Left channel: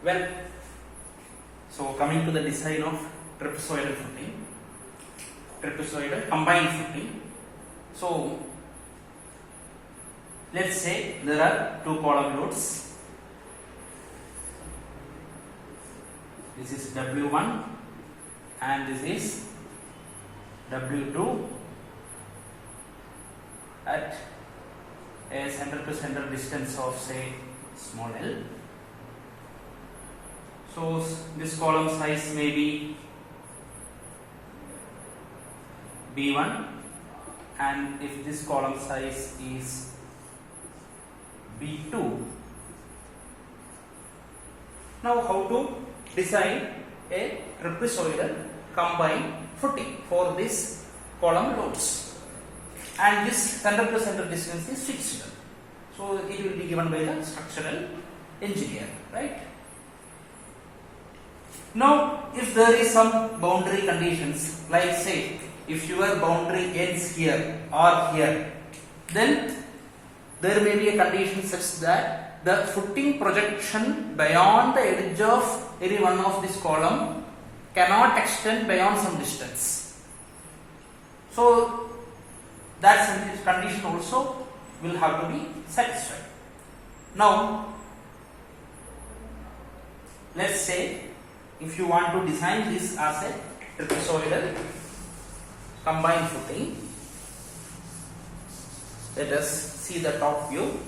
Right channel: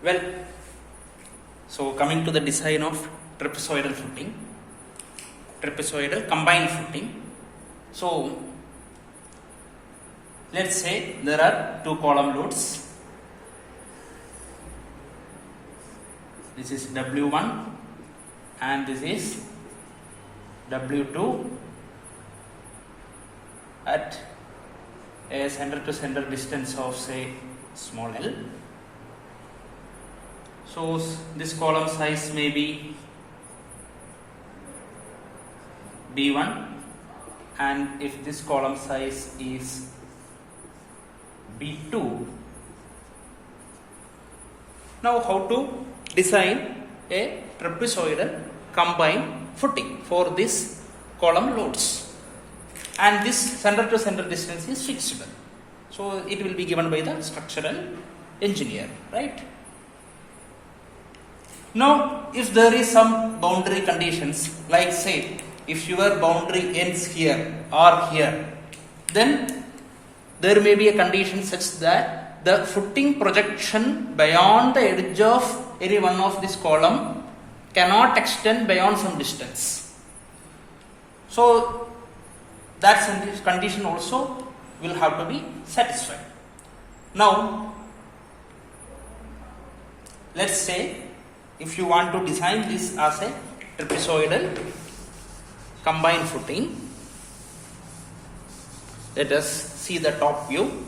Well, so coming to the design of trapezoidal footing, trapezoidal combined footing. So let's say there are two column loads. This is W1 and this is W2 at a center to center distance of say small l. So this column size may be B1, and if this column size is B2, now how to design a trapezoidal combined footing for this column loads, and this center to center distance is fixable, so it will be given by the structural engineer, right? Now if there is some boundary conditions, like say if your boundary ends here or here, then there may be a condition such that the footing projection beyond the edge of any one of this column cannot extend beyond some distance. So that condition also will have to be satisfied. Now let's say if you want to design this as a trapezoidal combined footing, let us see the top view.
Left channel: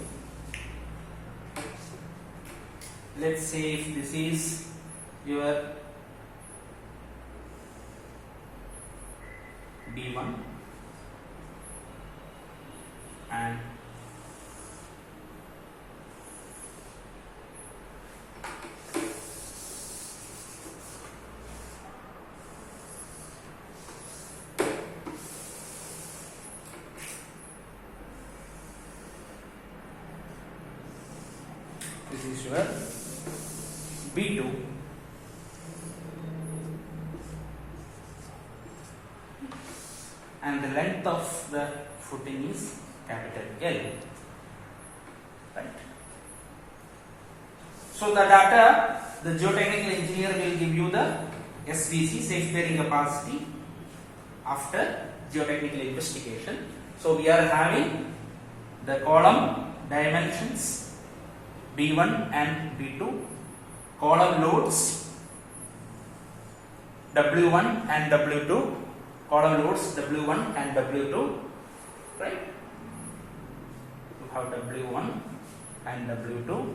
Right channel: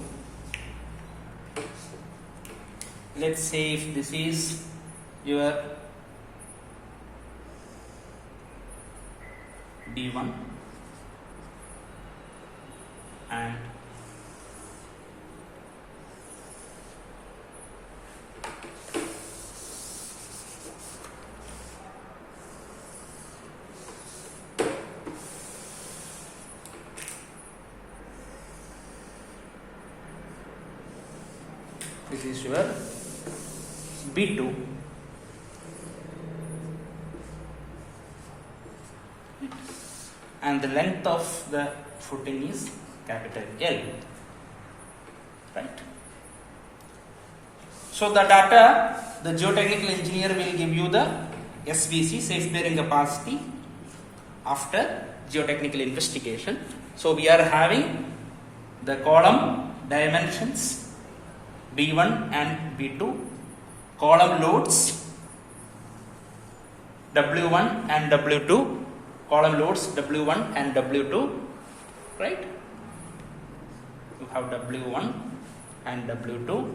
Let's say if this is your D1 and this is your B2, and the length of the footing is capital L, right? So the data, the geotechnical engineer will give you the SBC, safe bearing capacity, after geotechnical investigation. So we are having the column dimensions B1 and B2, column loads W1 and W2, column loads W1 and W2, right? You have W1 and W2,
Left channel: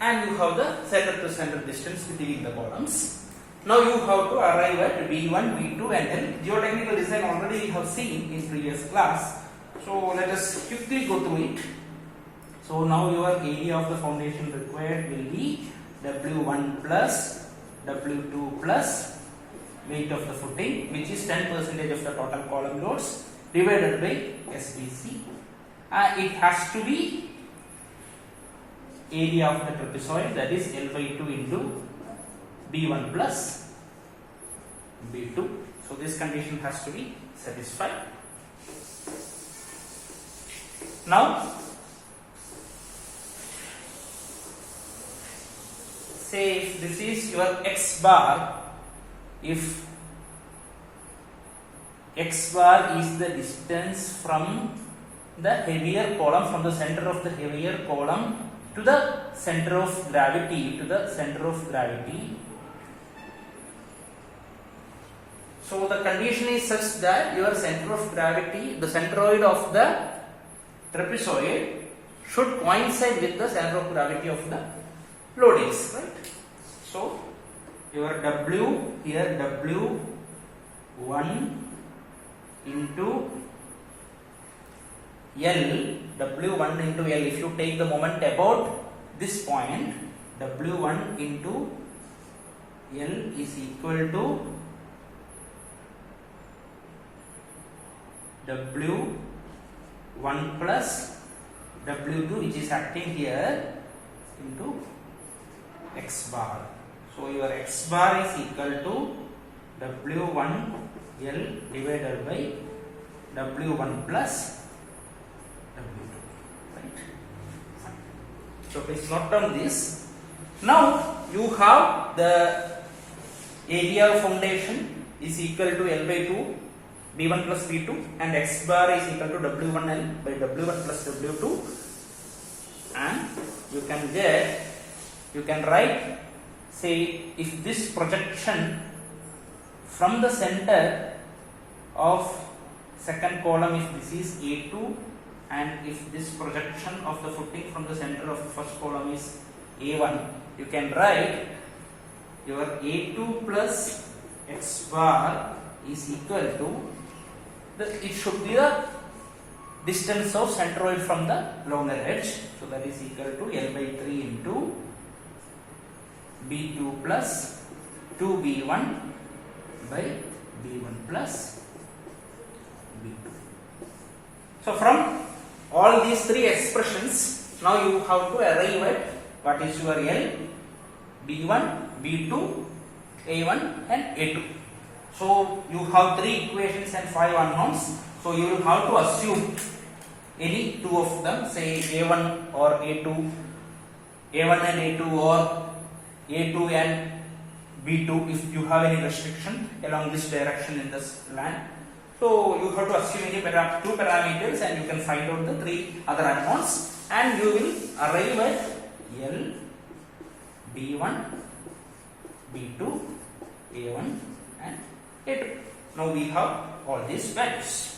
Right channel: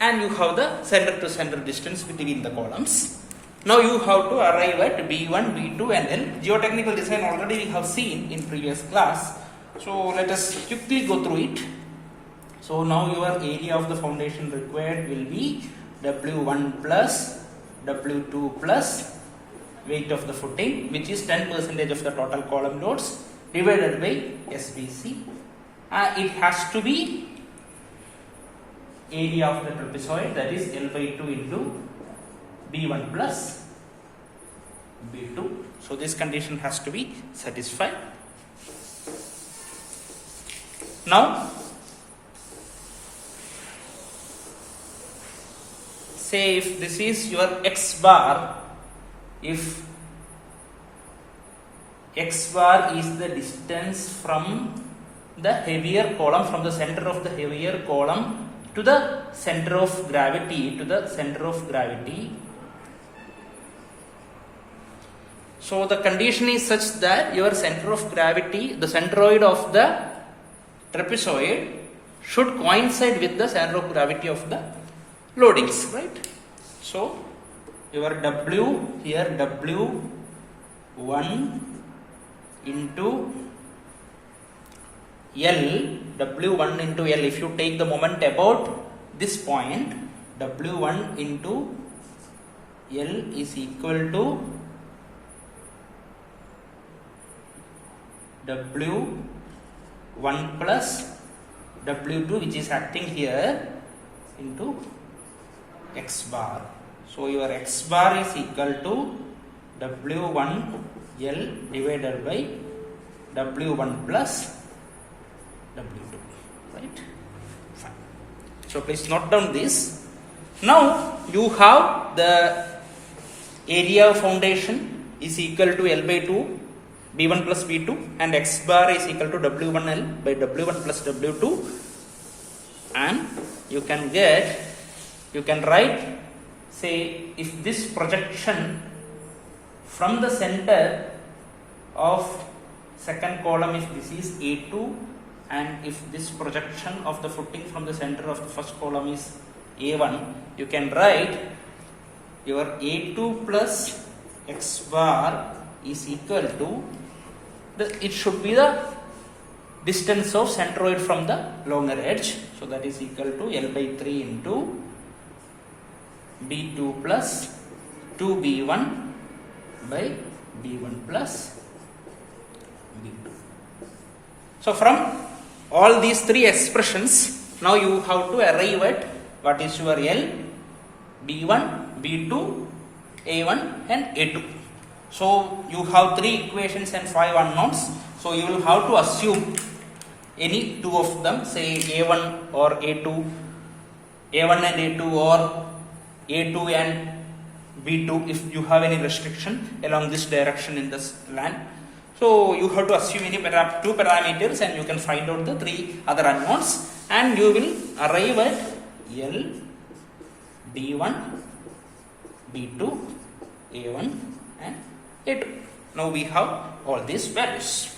and you have the center to center distance between the columns. Now you have to arrive at B1, B2 and L. Geotechnical design already we have seen in previous class, so let us quickly go through it. So now your area of the foundation required will be W1 plus W2 plus weight of the footing, which is 10% of the total column loads, divided by SBC. It has to be area of the trapezoid, that is L by 2 into B1 plus B2. So this condition has to be satisfied. Now say if this is your X bar, if X bar is the distance from the heavier column, from the center of the heavier column to the center of gravity, so the condition is such that your center of gravity, the centroid of the trapezoid, should coincide with the center of gravity of the loadings, right? So your W here, W1 into L, W1 into L, if you take the moment about this point, W1 into L is equal to W1 plus W2, which is acting here, into X bar. So your X bar is equal to W1 L divided by W1 plus W2, right? Fine. So So please note down this. Now you have the area of foundation is equal to L by 2 B1 plus B2 and X bar is equal to W1L by W1 plus W2, and you can write, say, if this projection from the center of second column, if this is A2, and if this projection of the footing from the center of the first column is A1, you can write your A2 plus X bar is equal to it should be the distance of centroid from the longer edge, so that is equal to L by 3 into B2 plus 2B1 by B1 plus B2. So from all these three expressions, now you have to arrive at what is your L, B1, B2, A1 and A2. So you have three equations and 5 unknowns. So you will have to assume any two of them, say A1 or A2, A1 and A2 or A2 and B2 if you have any restriction along this direction in this land. So you have to assume any two parameters and you can find out the three other unknowns, and you will arrive at L, B1, B2, A1 and A2. Now we have all these values.